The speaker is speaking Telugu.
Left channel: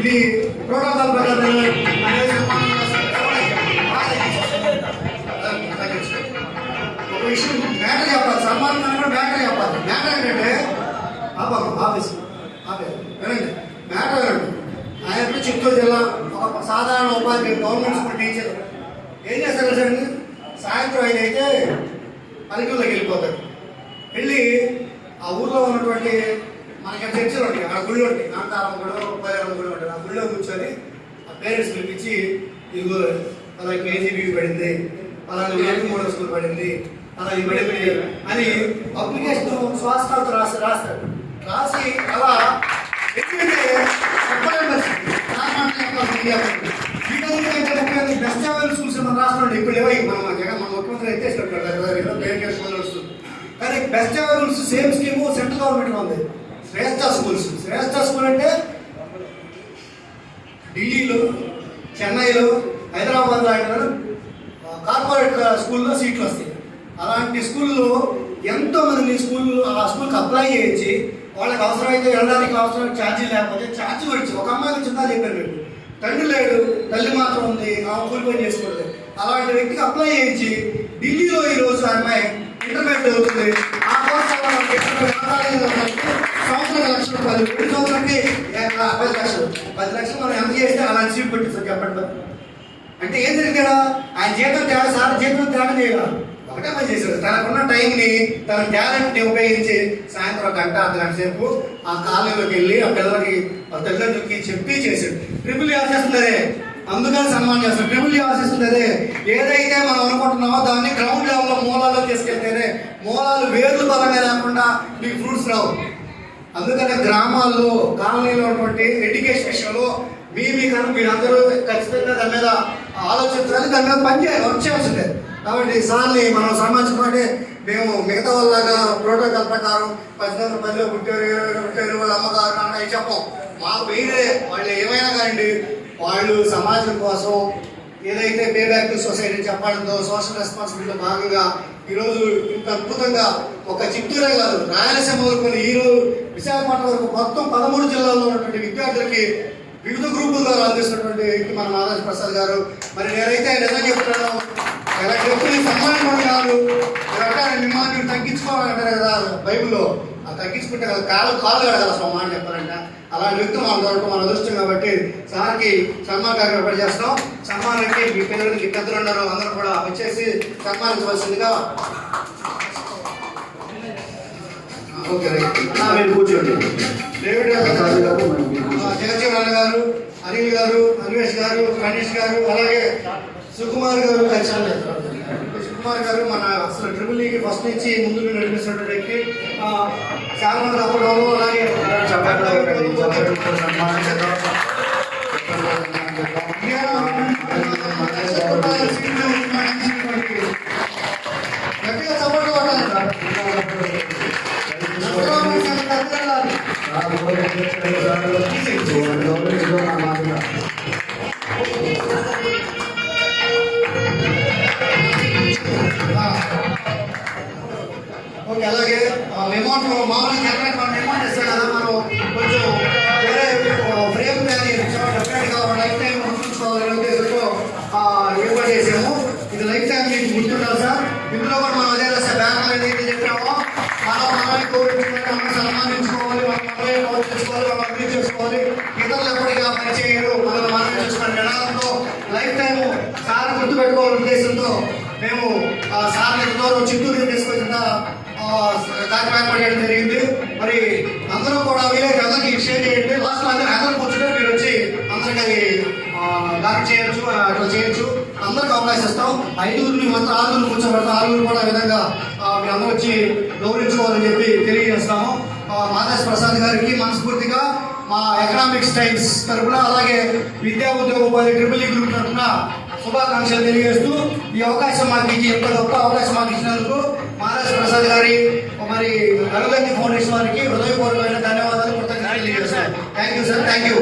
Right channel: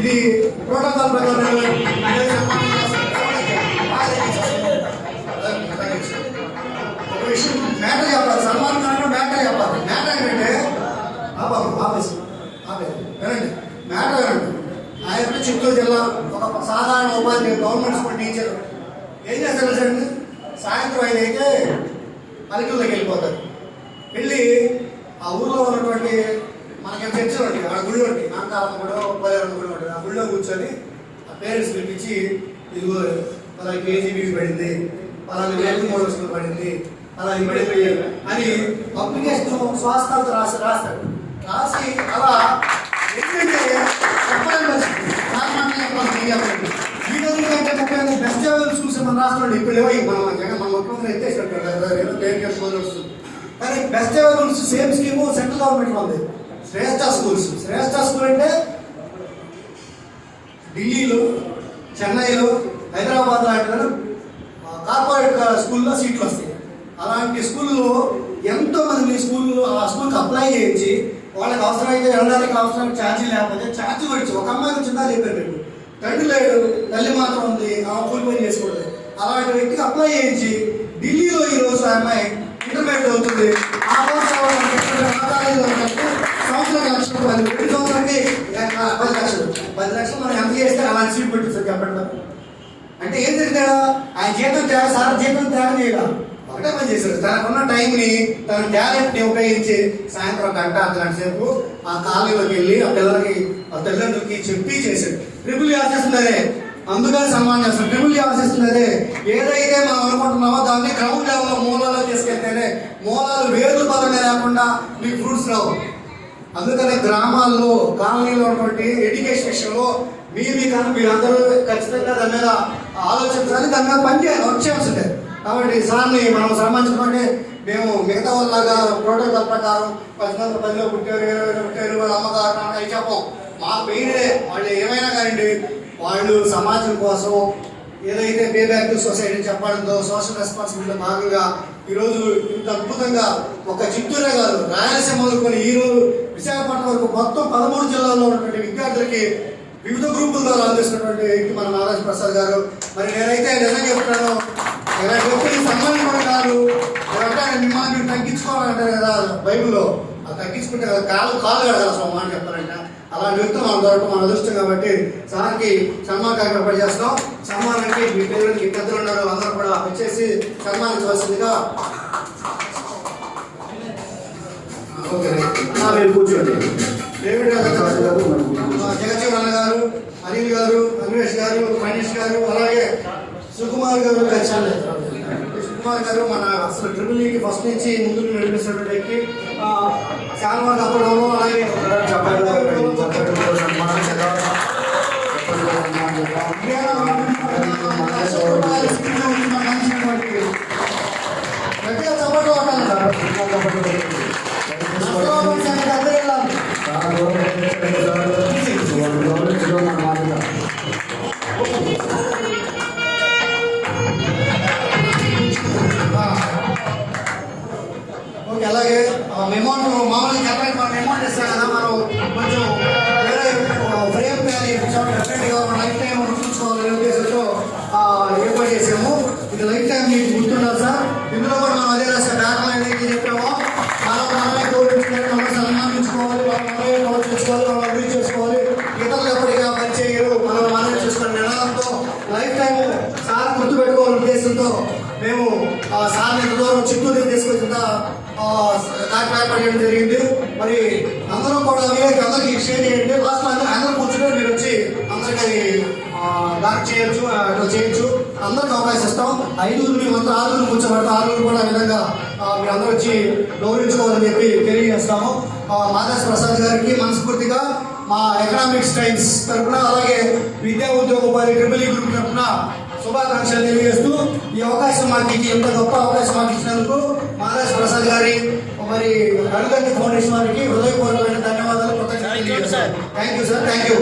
ఇది ప్రోటోకాల్ ప్రకారం ఒక విషయం మ్యాటర్ చెప్పాలి. సన్మానం మ్యాటర్ చెప్పాలి. మ్యాటర్ ఏంటంటే ఆఫీస్ వినండి. మ్యాటర్ వినండి. ఆయన చిత్తూరు జిల్లా ఒక సాధారణ ఉపాధ్యాయుడు, గవర్నమెంట్ స్కూల్ టీచర్. ఏం చేస్తారు సార్? సాయంత్రం ఆయన అయితే పల్లెటూరులోకి వెళ్ళిపోతారు. వెళ్ళి ఆ ఊళ్ళో ఉన్నటువంటి మనకి చర్చలు ఉంటాయి, ఆ గుళ్ళు ఉంటాయి, నామకారం కూడా ఉపయోగం గుళ్ళు ఉంటుంది. ఆ గుళ్ళో కూర్చొని ఆ పేరెంట్స్ పిలిపించి ఇదిగో అలా కేజీబీకి పడింది, అలాగే వేలకు మూడు వస్తువులు పడింది, అలాగే పడింది అని అప్లికేషన్ స్వాస్థాలతో రాస్తాడు. రాసి అలా ఎందుకంటే బెస్ట్ స్కూల్స్ మన రాష్ట్రంలో ఇప్పుడు లేవో మన ముఖ్యమంత్రి ఎత్తేసినట్టు. కానీ best schools same scheme central government ఉంది. శ్రేష్ఠ స్కూల్స్. శ్రేష్ఠ స్కూల్ అంటే ఢిల్లీలో, చెన్నైలో, హైదరాబాద్ లాంటి కార్పొరేట్ స్కూల్లో సీట్లు వస్తాయి. అలాంటి స్కూల్లో ఎంతో మంది స్కూల్లో ఆ స్కూల్కి అప్లై చేయించి వాళ్ళకి అవసరమైతే వెళ్ళడానికి అవసరం ఛార్జీ లేకపోతే ఛార్జీ పడిచి ఒక అమ్మాయికి చిన్న చెప్పాడు, తండ్రి లేడు, తల్లి మాత్రం ఉంది, ఆ కూలి పని చేసుకోవడం. అలాంటి వ్యక్తికి అప్లై చేయించి ఢిల్లీలో ఈరోజు ఆ అమ్మాయి ఇంటర్మీడియట్ అవుతుంది. ఆ సంవత్సరం లక్షల రూపాయలు, 2 సంవత్సరానికి 10 లక్షలు మనం ఎంత చేస్తే అలాంటి సీట్ పెట్టిస్తారు చెప్పండి. అంటే ఏం జరిగిందా? ఆయన జీతం తేడా, సార్ జీతం తేడా చేయగలరు. ఒకటే పని చేశారు. తనకున్న టైంని, తన టాలెంట్ని ఉపయోగించి సాయంత్రం గంట, అర్ధగంట సేపు ఆ కాలనీలోకి వెళ్ళి ఆ పిల్లలకి, ఆ తల్లిదండ్రులకి చెప్పి చేశాడు. ట్రిపుల్ ఆశిస్తుందరే, అందుకని సన్మానం చేస్తాం. ట్రిపుల్ ఆశిస్తుందరే, ఏదైతే మనం అనుకుంటున్నామో దాన్ని గ్రౌండ్ లెవెల్లో మూలాల్లో తీసుకెళ్తేనే, మూలాలు వేర్లు బలంగా లేకుండా మీకు ఫ్రూట్స్ రావు. అందుకనే గ్రామాల్లో, కాలనీలో ఉన్నటువంటి ఎడ్యుకేషన్ విషయంలో మీరందరూ ఖచ్చితంగా దాని మీద ఆలోచించాలి, దాని మీద పనిచేయాలి, వచ్చేయాల్సిందే. కాబట్టి సార్ని మనం సన్మానించుకుంటే మేము మిగతా వాళ్ళలాగా ప్రోటోకాల్ ప్రకారం 10లో పుట్టారు, 20లో పుట్టారు, వాళ్ళ అమ్మగారు అవి చెప్పం. మాకు మెయినే వాళ్ళు ఏమైనా కానీ వాళ్ళు సమాజం కోసం ఏదైతే పే బ్యాక్ టు సొసైటీ చెప్పడంతో సోషల్ రెస్పాన్సిబిలిటీ భాగంగా ఈరోజు ఇంత అద్భుతంగా ఒక చిత్తూరే కాదు, రాయలసీమ వరకు ఈరోజు విశాఖపట్నం వరకు మొత్తం 13 జిల్లాల్లో ఉన్నటువంటి విద్యార్థులకి వివిధ గ్రూపుల ద్వారా అందిస్తున్నటువంటి వ్యక్తి మన మానవ ప్రసాద్ గారు. మరి నేనైతే నిజంగా చెప్తున్నాను, ఇలాంటి వ్యక్తులు సన్మానం కాదు, మిమ్మల్ని మీరు తగ్గించుకోవాలంటారు కదా బైబుల్లో, అది తగ్గించుకుంటే కదా కాలు కడగాలి అసలు మాట చెప్పాలంటే. అలాంటి వ్యక్తులు మనం దొరకడం మన అదృష్టం. కాబట్టి సార్కి సన్మాన కార్యక్రమం చేస్తాం. సన్మానానికి మీ పిల్లలకి పెద్దలు ఉన్నారు, అందరూ కూడా వచ్చేసి సన్మానించవలసిందిగా. ఓకే, మీరు కూర్చోండి. డేవిడ్ గారు, జగజీవన్ గారు, అనిల్ గారు, అన్వేష్ గారు, మనీష్ గారు, అలాగే సుకుమార్ గారు. సుకుమార్ గారు మన అసలు ట్రిపుల్ ఈకి ఫస్ట్ నుంచి ముందు నడిపిస్తున్నటువంటి వ్యక్తి. చాలా తప్పడంలో అలాగే గట్టిగా సపోర్ట్ ఓకే. అలాగే అమౌంట్ మామూలుగా అమౌంట్ ఇస్తాం కదా, మనం కొంచెం వేరే ఫ్రేమ్ తయారు చేయించాము. లైఫ్ టైం ఉంచుకోవాలనే ఉద్దేశంతో ఏర్పాటు చేసాము. ఇది లైఫ్ టైం మీకు గుర్తుండాలి సార్. ఇందులో కూడా మనం అదే రాసే బ్యానర్ ఏదైతే చెప్పామో చాలా మనమే కోరుకుంటున్నాం, మనం సన్మానించుకోవాలి, మనమే ప్రోత్సహించుకోవాలి, మనం అభివృద్ధి చేసుకోవాలి. ఇతరులు ఎప్పటిగా పరిచయం మనం చేసుకునే విధానంతో లైఫ్ టైం సార్ గుర్తుపెట్టుకోవాలనే ఉద్దేశంతో మేము సార్ చిత్తూరు తీసుకొచ్చిన కార్యక్రమం చేయడం జరిగింది. మరి అందరూ కూడా అందరికి షేర్ చేయండి. లాస్ట్ అందరూ కూర్చుంటే మీరు వచ్చి అందరికీ లాక్ చేయొచ్చు, అట్లా చేయొచ్చు. అందరికి అవకాశం ఇస్తాం. 5 మొత్తం 6 కూర్చోబెడతాం. 6 కూడా విధంగా మీరు అందరూ వచ్చి గౌరవించుకోవాలని చెప్పి తెలియజేస్తాము. మాధవ్ ప్రసాద్ గారికి మనస్ఫూర్తిగా మా ఎకనామిక్స్ టైమ్స్ తరఫున, అలాగే విద్యా ఉద్యోగ ఉపాధి ట్రిపుల్ ఈ గ్రూప్ తరఫున శుభాకాంక్షలు తెలియజేస్తూ, ఈ అవకాశం మాకు ఇచ్చి, ఎంత గొప్ప అవకాశం మాకు ఇచ్చినందుకు మాధవ్ ప్రసాద్ గారి, మరి అరుగండి ఫౌండేషన్ వారికి హృదయపూర్వకమైన ధన్యవాదాలు. Thank you sir. Thank you.